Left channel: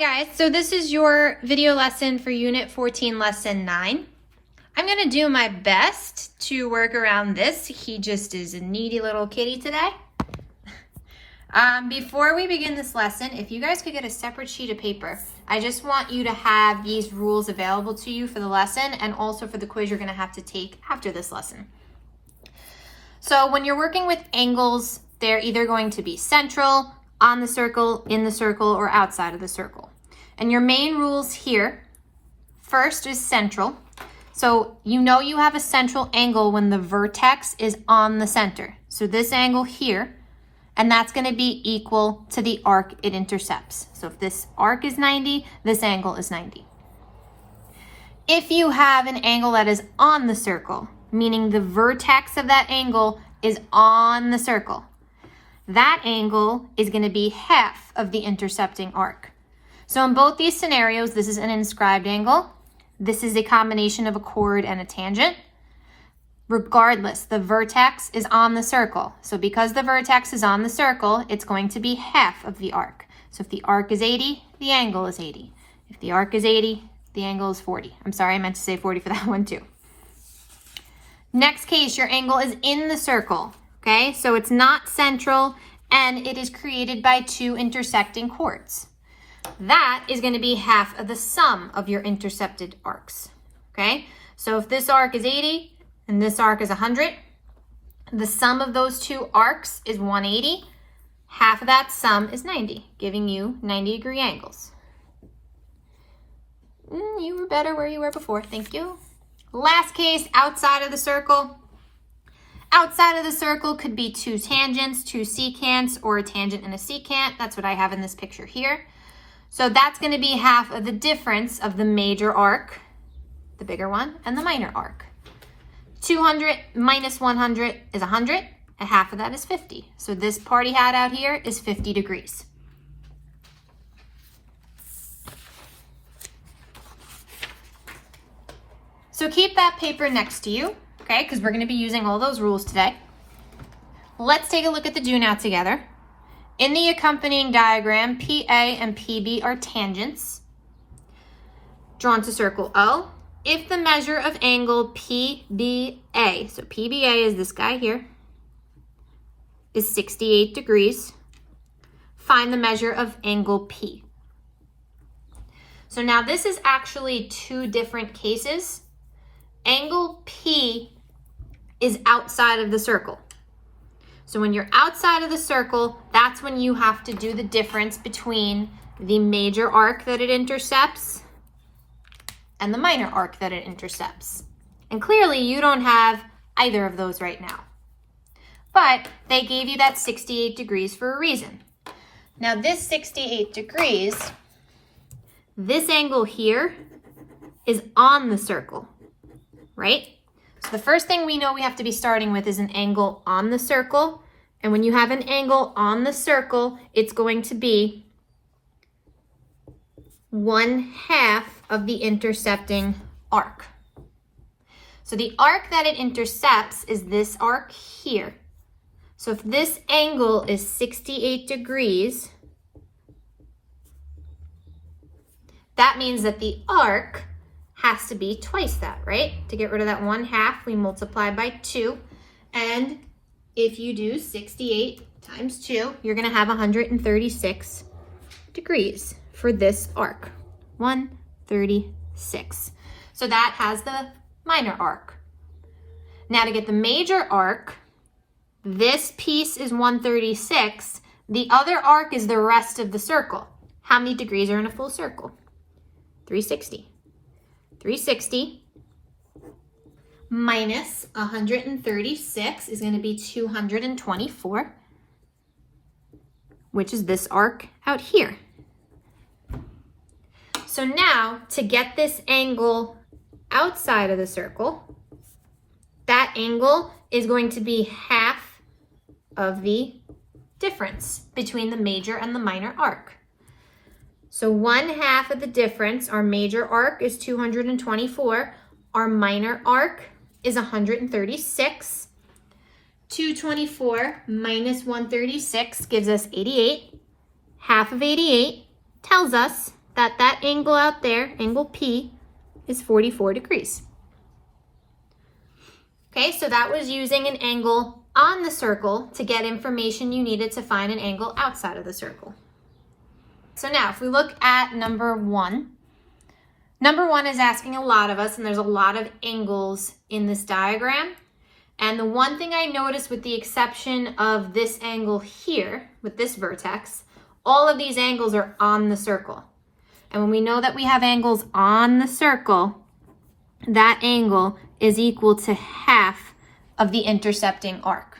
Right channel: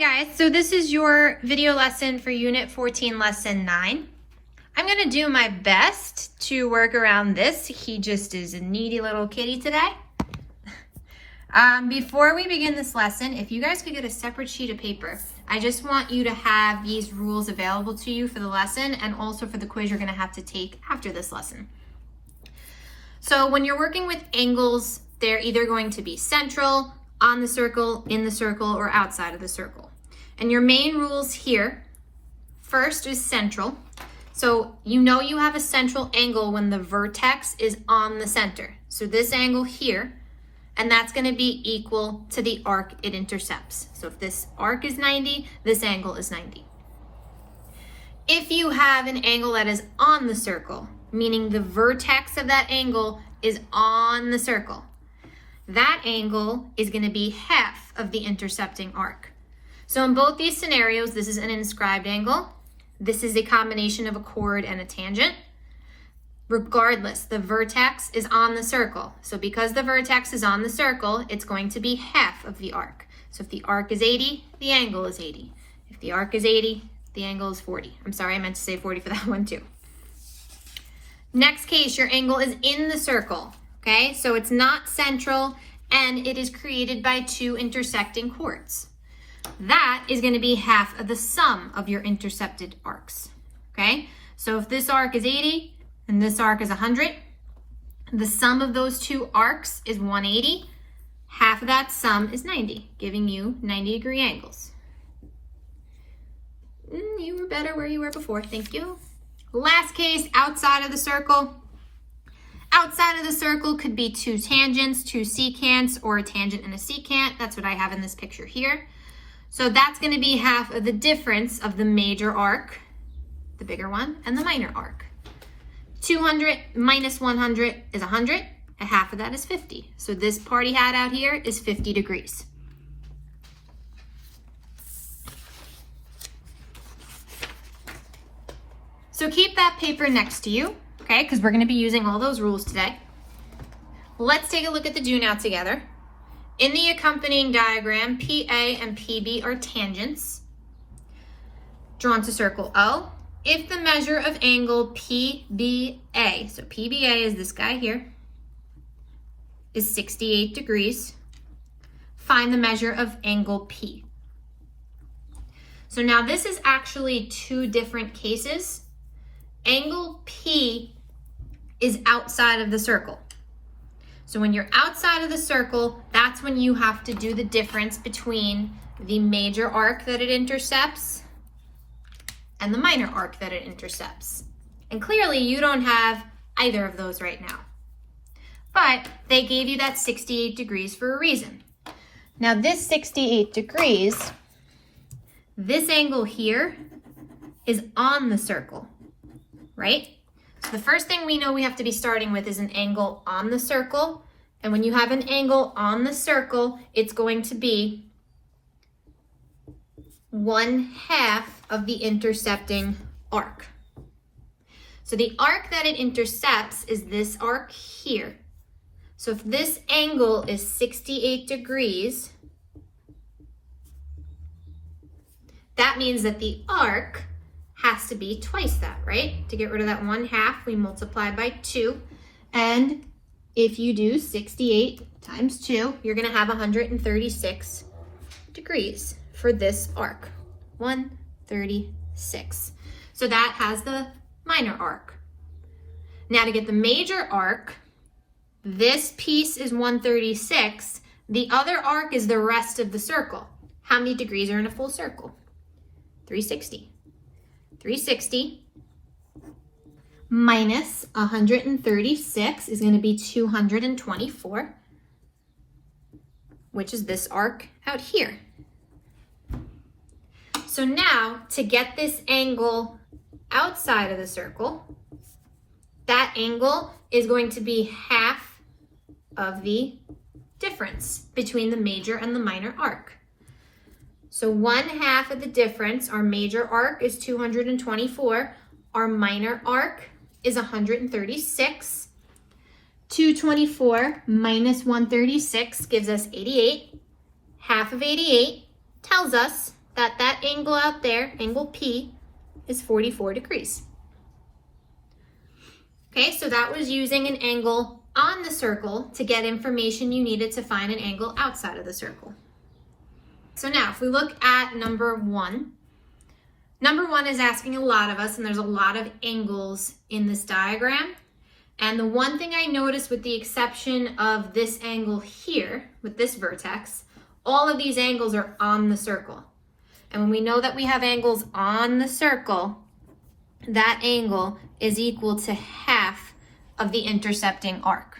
Hi guys, so this is your video lesson for Unit 14, Lesson 9. I'm going to do my best to work around this. He just is a needy little kitty today. Before we begin this lesson, if you guys could get a separate sheet of paper, I just want you to have these rules available to you for the lesson and also for the quiz you're going to have to take after this lesson. So when you're working with angles, they're either going to be central, on the circle, in the circle, or outside of the circle. And your main rules here, first is central. So you know you have a central angle when the vertex is on the center. So this angle here, and that's going to be equal to the arc it intercepts. So if this arc is 90, this angle is 90. If you have an angle that is on the circle, meaning the vertex of that angle is on the circle, that angle is going to be half of the intercepting arc. So in both these scenarios, this is an inscribed angle. This is a combination of a chord and a tangent. Regardless, the vertex is on the circle. So because the vertex is on the circle, it's going to be half of the arc. So if the arc is 80, the angle is 80. If the arc is 80, the angle is 40. I'm sorry, I meant to say 40 for that one too. Next case, your angle is in the circle. Okay, so it's not central and it is created by two intersecting chords. That is going to be half of the sum of your intercepted arcs. Okay, so if this arc is 80 and this arc is 100, the sum of those two arcs is 180. Half of that sum is 90, giving you 90-degree angles. You were better where you were before, thank you. Last case, outside of the circle. Outside of the circle could be two tangents, two secants, or a tangent and a secant. That's what I have in this picture here. So that's going to be half of the difference of the major arc, the bigger one, and the minor arc. 200 minus 100 is 100, and half of that is 50. So this party hat out here is 50 degrees. So keep that paper next to you. Okay, because we're going to be using all those rules today. Let's take a look at the do now together. In the accompanying diagram, PA and PB are tangents drawn to circle O. If the measure of angle PBA, so PBA is this guy here, is 68 degrees, find the measure of angle P. So now this is actually two different cases. Angle P is outside of the circle. So when you're outside of the circle, that's when you have to do the difference between the major arc that it intercepts and the minor arc that it intercepts. And clearly you don't have either of those right now. But they gave you that 68 degrees for a reason. Now this 68 degrees, this angle here is on the circle, right? So the first thing we know we have to be starting with is an angle on the circle. And when you have an angle on the circle, it's going to be 1/2 of the intercepting arc. So the arc that it intercepts is this arc here. So if this angle is 68 degrees, that means that the arc has to be twice that, right? To get rid of that 1/2, we multiply by 2. And if you do 68 times 2, you're going to have 136 degrees for this arc. 136. So that has the minor arc. Now to get the major arc, this piece is 136. The other arc is the rest of the circle. How many degrees are in a full circle? 360. 360 minus 136 is going to be 224, which is this arc out here. So now to get this angle outside of the circle, that angle is going to be half of the difference between the major and the minor arc. So 1/2 of the difference, our major arc is 224, our minor arc is 136. 224 minus 136 gives us 88. Half of 88 tells us that that angle out there, angle P, is 44 degrees. Okay, so that was using an angle on the circle to get information you needed to find an angle outside of the circle. So now if we look at number 1, number 1 is asking a lot of us, and there's a lot of angles in this diagram. And the one thing I noticed, with the exception of this angle here, with this vertex, all of these angles are on the circle. And when we know that we have angles on the circle, that angle is equal to half of the intercepting arc.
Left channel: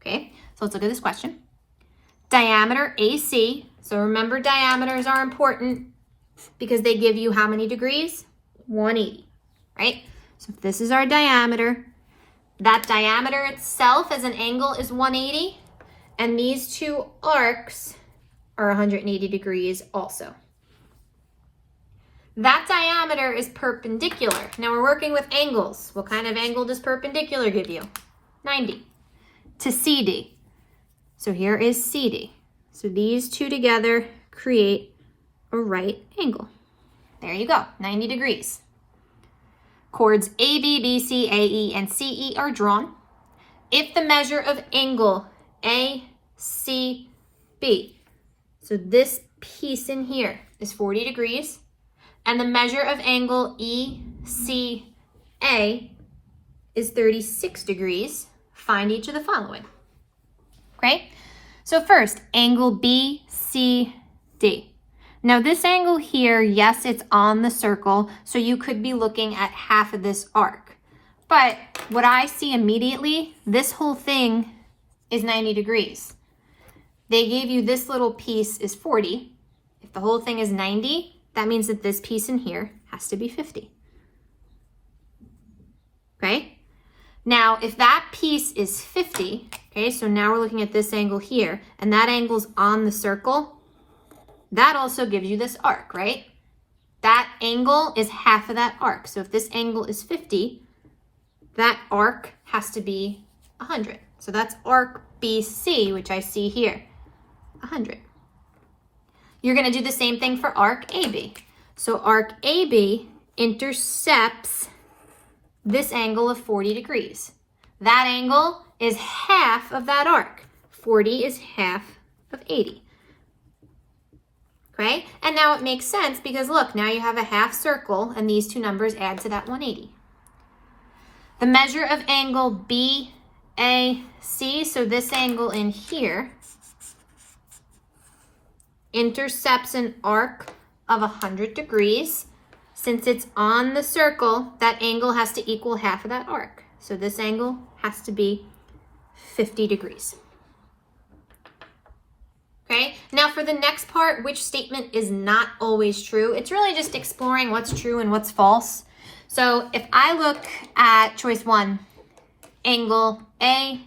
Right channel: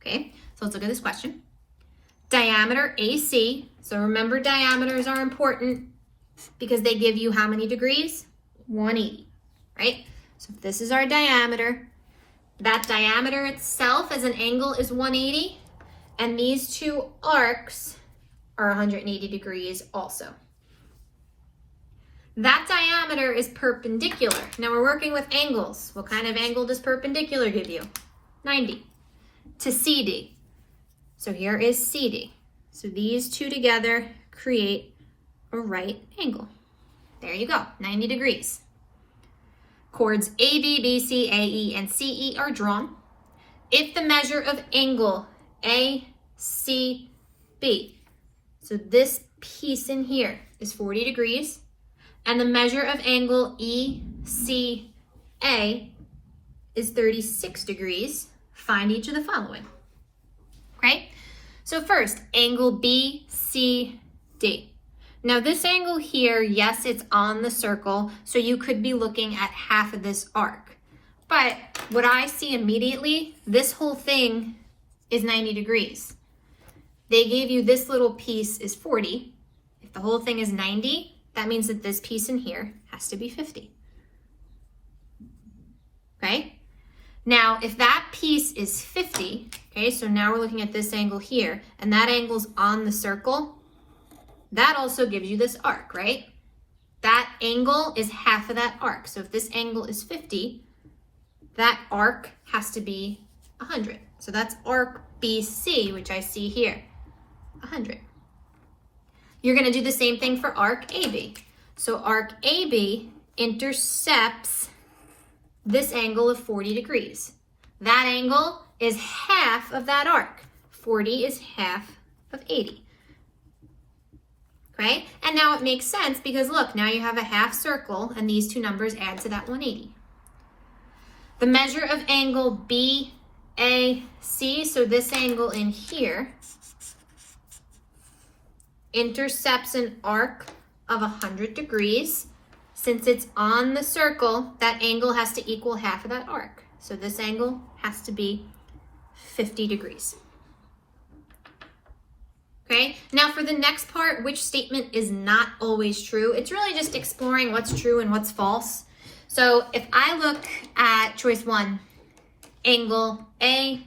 Okay, so let's look at this question. Diameter AC, so remember diameters are important because they give you how many degrees? 180, right? So if this is our diameter, that diameter itself as an angle is 180, and these two arcs are 180 degrees also. That diameter is perpendicular. Now we're working with angles. What kind of angle does perpendicular give you? 90 to CD. So here is CD. So these two together create a right angle. There you go, 90 degrees. Chords AB, BC, AE, and CE are drawn. If the measure of angle ACB, so this piece in here is 40 degrees, and the measure of angle ECA is 36 degrees, find each of the following. Okay, so first, angle BCD. Now this angle here, yes, it's on the circle, so you could be looking at half of this arc. But what I see immediately, this whole thing is 90 degrees. They gave you this little piece is 40. If the whole thing is 90, that means that this piece in here has to be 50. Okay? Now, if that piece is 50, okay, so now we're looking at this angle here, and that angle's on the circle, that also gives you this arc, right? That angle is half of that arc. So if this angle is 50, that arc has to be 100. So that's arc BC, which I see here, 100. You're going to do the same thing for arc AB. So arc AB intercepts this angle of 40 degrees. That angle is half of that arc. 40 is half of 80. Okay, and now it makes sense because look, now you have a half circle and these two numbers add to that 180. The measure of angle BAC, so this angle in here, intercepts an arc of 100 degrees. Since it's on the circle, that angle has to equal half of that arc. So this angle has to be 50 degrees. Okay, now for the next part, which statement is not always true? It's really just exploring what's true and what's false. So if I look at choice 1, angle ACB,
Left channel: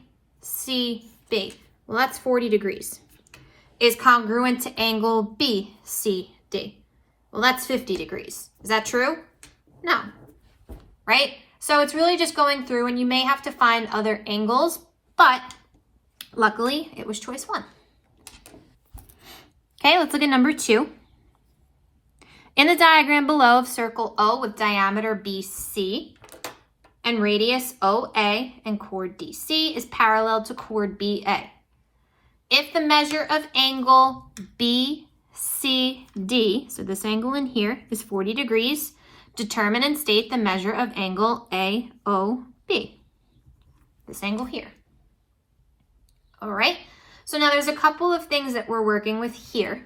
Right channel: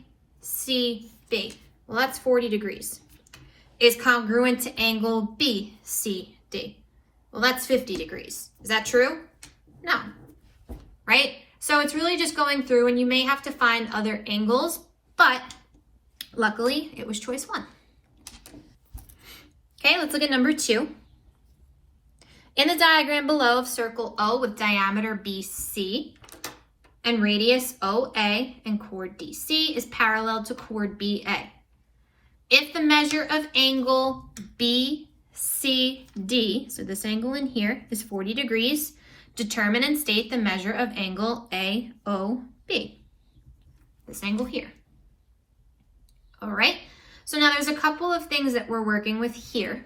well, that's 40 degrees, is congruent to angle BCD. Well, that's 50 degrees. Is that true? No, right? So it's really just going through, and you may have to find other angles, but luckily it was choice 1. Okay, let's look at number 2. In the diagram below of circle O with diameter BC and radius OA and chord DC is parallel to chord BA. If the measure of angle BCD, so this angle in here, is 40 degrees, determine and state the measure of angle AOB, this angle here. All right. So now there's a couple of things that we're working with here.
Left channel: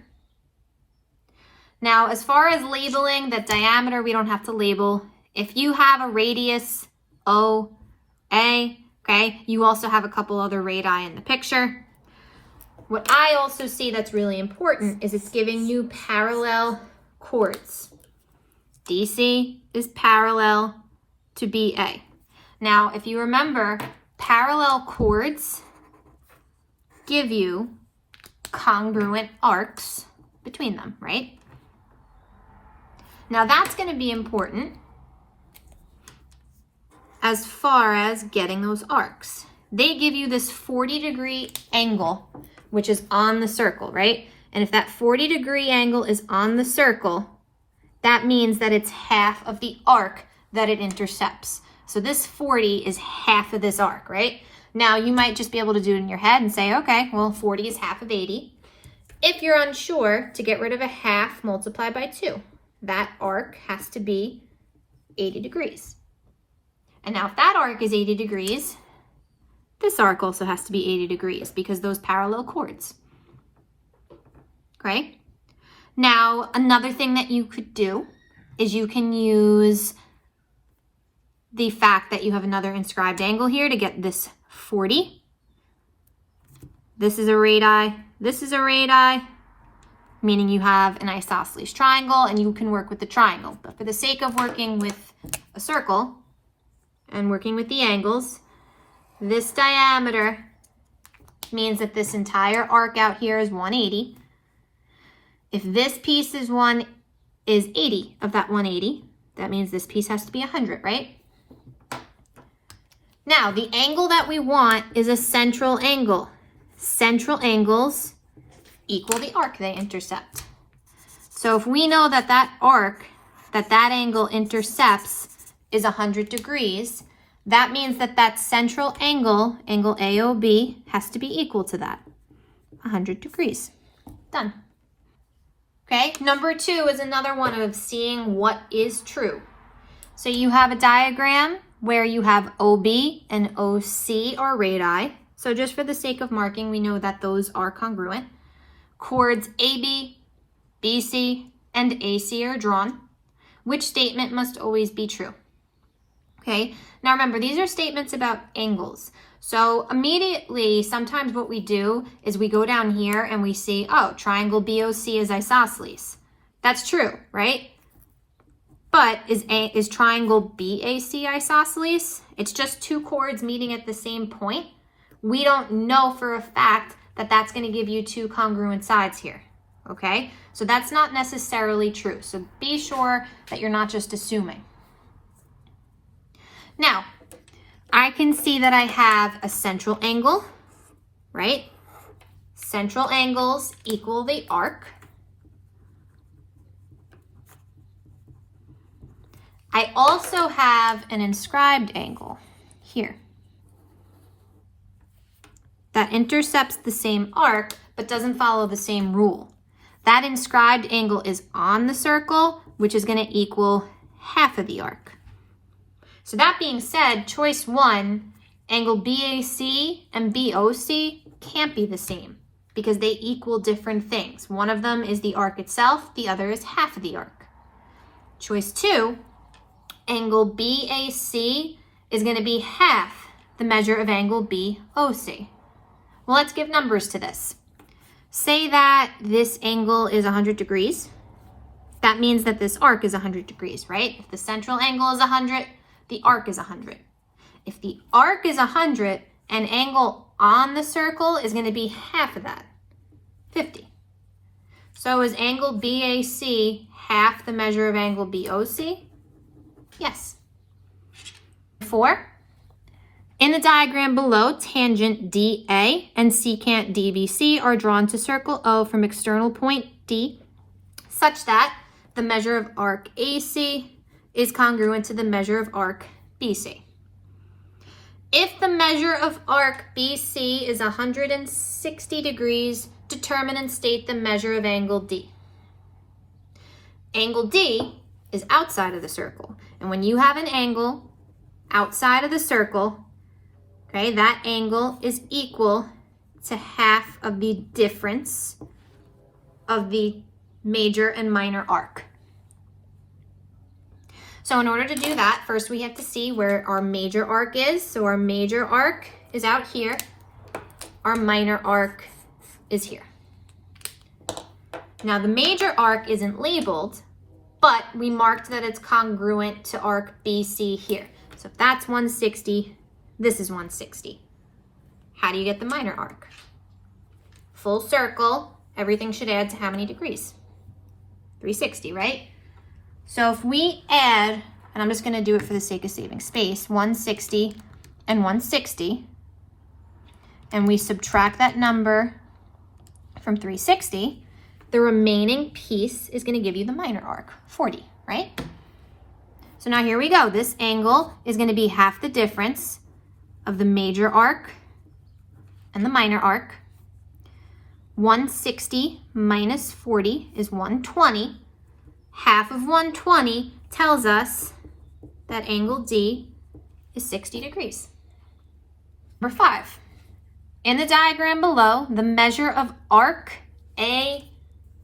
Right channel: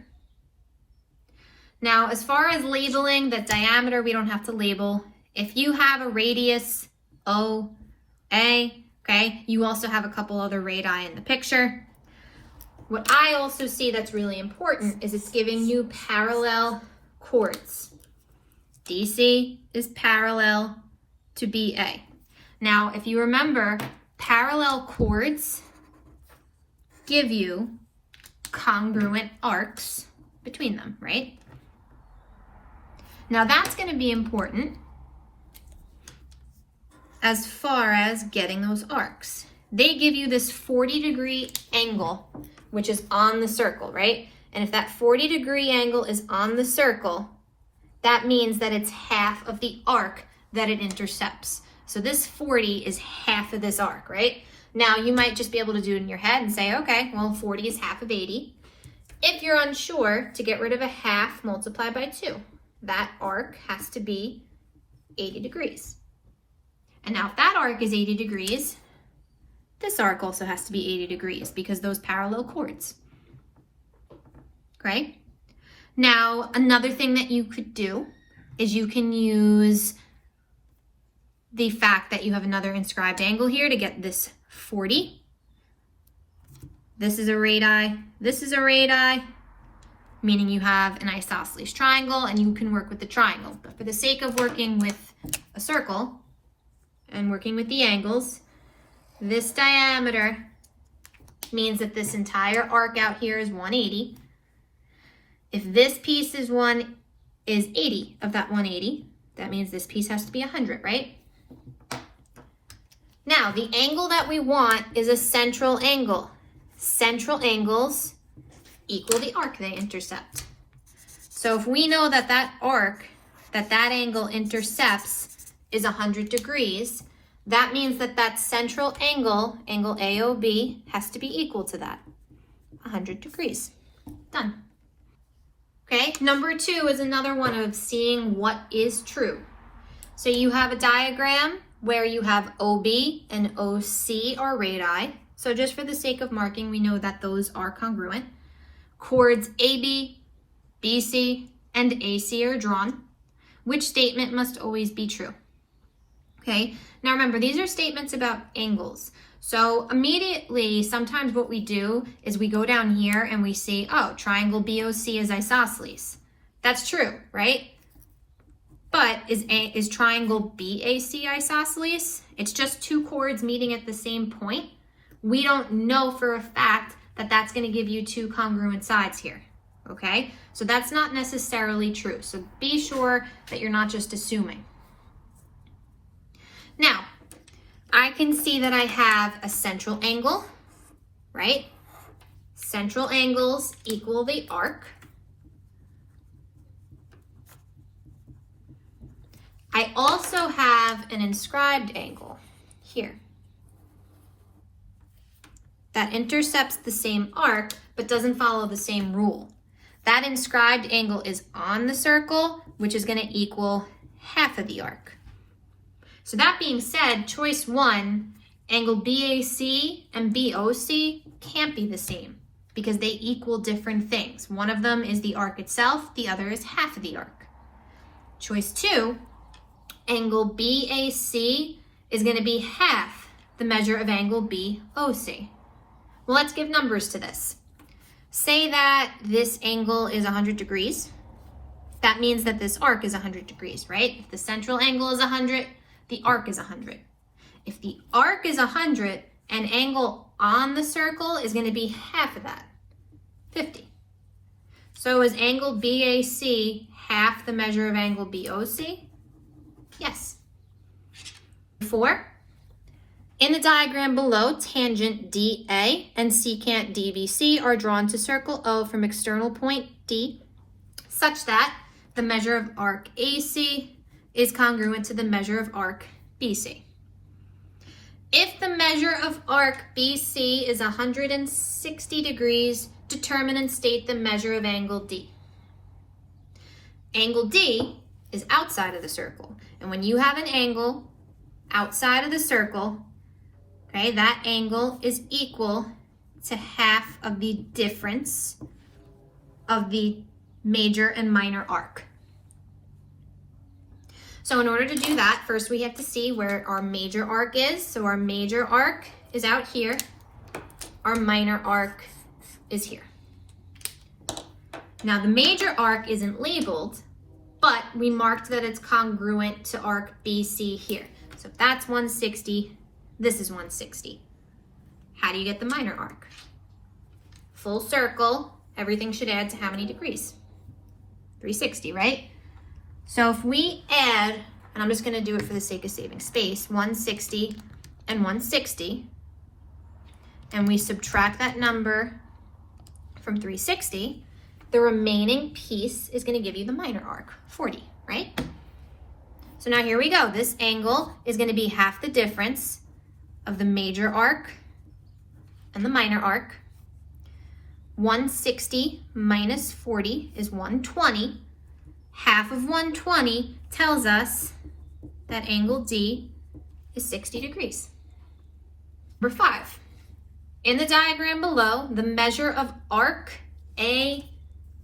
Now, as far as labeling the diameter, we don't have to label. If you have a radius OA, okay, you also have a couple other radii in the picture. What I also see that's really important is it's giving you parallel chords. DC is parallel to BA. Now, if you remember, parallel chords give you congruent arcs between them, right? Now that's going to be important as far as getting those arcs. They give you this 40-degree angle, which is on the circle, right? And if that 40-degree angle is on the circle, that means that it's half of the arc that it intercepts. So this 40 is half of this arc, right? Now you might just be able to do it in your head and say, okay, well 40 is half of 80. If you're unsure, to get rid of a half, multiply by 2. That arc has to be 80 degrees. And now if that arc is 80 degrees, this arc also has to be 80 degrees because those parallel chords. Okay? Now, another thing that you could do is you can use the fact that you have another inscribed angle here to get this 40. This is a radii, this is a radii, meaning you have an isosceles triangle and you can work with the triangle. But for the sake of working with a circle and working with the angles, this diameter means that this entire arc out here is 180. If this piece is 80 of that 180, that means this piece has to be 100, right? Now, the angle that we want is a central angle. Central angles equal the arc they intercept. So if we know that that arc, that angle intercepts is 100 degrees, that means that that central angle, angle AOB, has to be equal to that, 100 degrees. Done. Okay, number 2 is another one of seeing what is true. So you have a diagram where you have OB and OC are radii. So just for the sake of marking, we know that those are congruent. Chords AB, BC, and AC are drawn. Which statement must always be true? Okay, now remember, these are statements about angles. So immediately, sometimes what we do is we go down here and we see, oh, triangle BOC is isosceles. That's true, right? But is triangle BAC isosceles? It's just two chords meeting at the same point. We don't know for a fact that that's going to give you two congruent sides here, okay? So that's not necessarily true. So be sure that you're not just assuming. Now, I can see that I have a central angle, right? Central angles equal the arc. I also have an inscribed angle here that intercepts the same arc but doesn't follow the same rule. That inscribed angle is on the circle, which is going to equal half of the arc. So that being said, choice 1, angle BAC and BOC can't be the same because they equal different things. One of them is the arc itself, the other is half of the arc. Choice 2, angle BAC is going to be half the measure of angle BOC. Well, let's give numbers to this. Say that this angle is 100 degrees. That means that this arc is 100 degrees, right? If the central angle is 100, the arc is 100. If the arc is 100, an angle on the circle is going to be half of that, 50. So is angle BAC half the measure of angle BOC? Yes. 4. In the diagram below, tangent DA and secant DBC are drawn to circle O from external point D, such that the measure of arc AC is congruent to the measure of arc BC. If the measure of arc BC is 160 degrees, determine and state the measure of angle D. Angle D is outside of the circle. And when you have an angle outside of the circle, okay, that angle is equal to half of the difference of the major and minor arc. So in order to do that, first we have to see where our major arc is. So our major arc is out here. Our minor arc is here. Now the major arc isn't labeled, but we marked that it's congruent to arc BC here. So if that's 160, this is 160. How do you get the minor arc? Full circle, everything should add to how many degrees? 360, right? So if we add, and I'm just going to do it for the sake of saving space, 160 and 160, and we subtract that number from 360, The remaining piece is going to give you the minor arc, 40, right? So now here we go. This angle is going to be half the difference of the major arc and the minor arc. 160 minus 40 is 120. Half of 120 tells us that angle D is 60 degrees. Number 5. In the diagram below, the measure of arc A,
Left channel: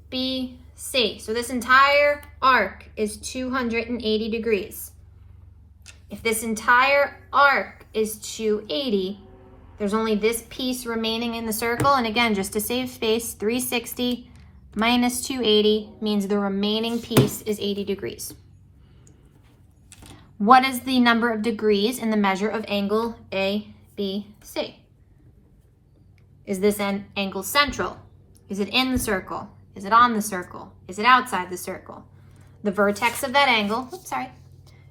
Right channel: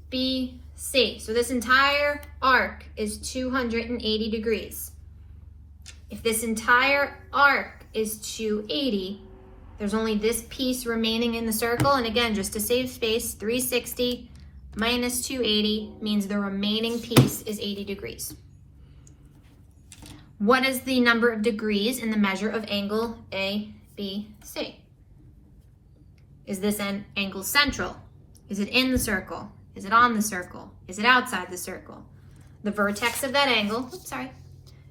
B, C. So this entire arc is 280 degrees. If this entire arc is 280, there's only this piece remaining in the circle. And again, just to save space, 360 minus 280 means the remaining piece is 80 degrees. What is the number of degrees in the measure of angle ABC? Is this angle central? Is it in the circle? Is it on the circle? Is it outside the circle? The vertex of that angle,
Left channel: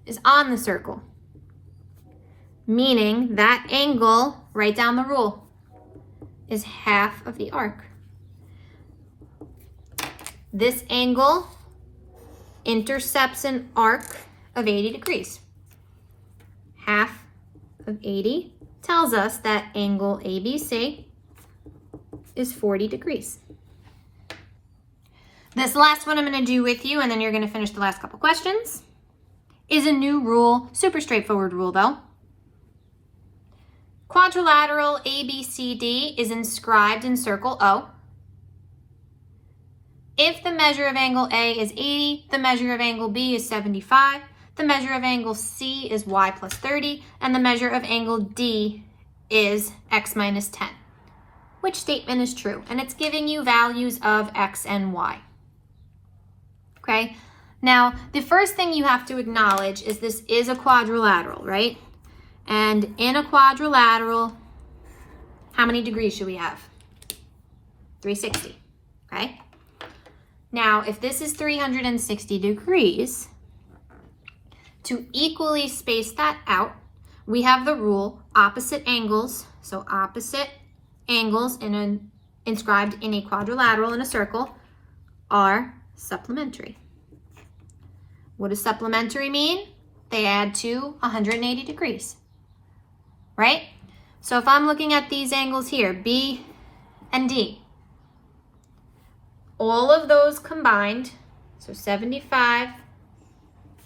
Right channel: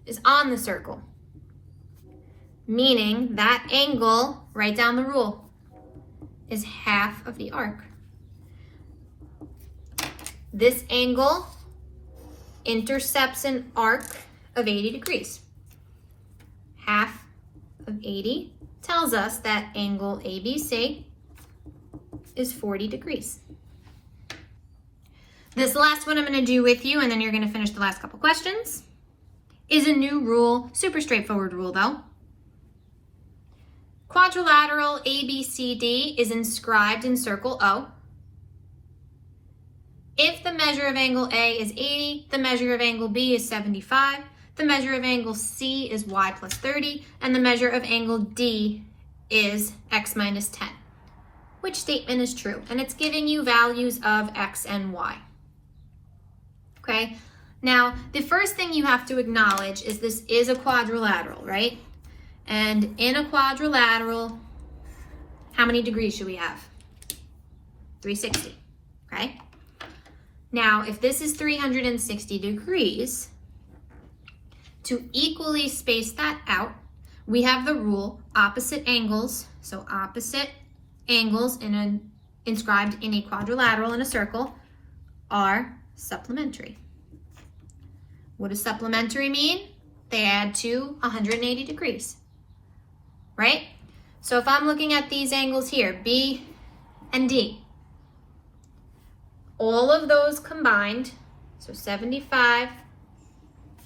is on the circle. Meaning that angle, write down the rule, is half of the arc. This angle intercepts an arc of 80 degrees. Half of 80 tells us that angle ABC is 40 degrees. This last one I'm going to do with you, and then you're going to finish the last couple questions, is a new rule, super straightforward rule though. Quadrilateral ABCD is inscribed in circle O. If the measure of angle A is 80, the measure of angle B is 75, the measure of angle C is y plus 30, and the measure of angle D is x minus 10. Which statement is true? And it's giving you values of x and y. Okay, now the first thing you have to acknowledge is this is a quadrilateral, right? And in a quadrilateral, how many degrees should we have? 360, okay? Now, if this is 360 degrees, to equally space that out, we have the rule opposite angles. So opposite angles inscribed in a quadrilateral in a circle are supplementary. What does supplementary mean? They add to 180 degrees, right? So if I'm looking at these angles here, B and D, all of those combined, so 75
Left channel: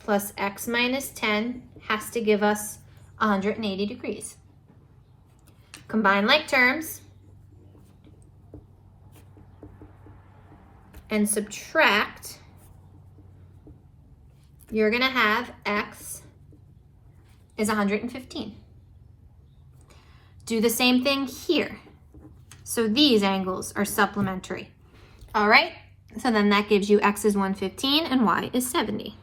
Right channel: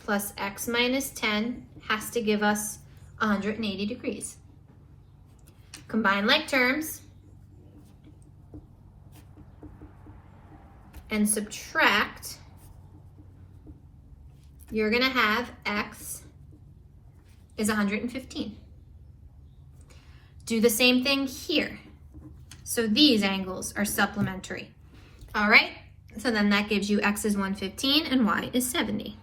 plus x minus 10 has to give us 180 degrees. Combine like terms and subtract, you're gonna have x is 115. Do the same thing here. So these angles are supplementary. All right, so then that gives you x is 115 and y is 70.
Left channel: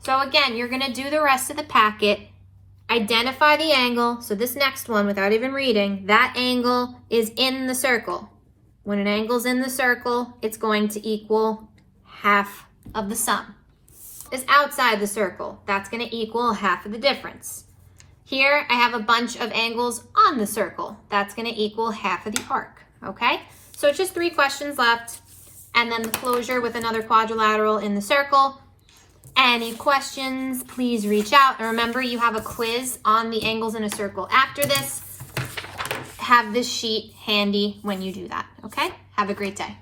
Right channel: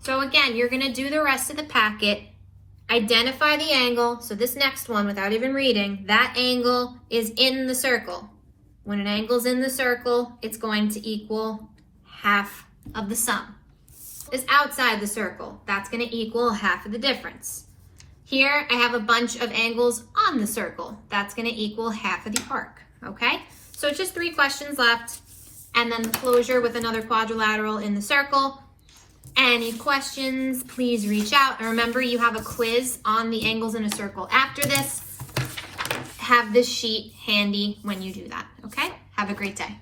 So again, you're gonna do the rest of the packet, identify the angle. So this next one, without even reading, that angle is in the circle. When an angle's in the circle, it's going to equal half of the sum. Is outside the circle, that's gonna equal half of the difference. Here, I have a bunch of angles on the circle. That's gonna equal half of the arc, okay? So it's just 3 questions left, and then the closure with another quadrilateral in the circle. Any questions, please reach out. And remember, you have a quiz on the angles in a circle after this. Have this sheet handy when you do that, okay? Have a great day.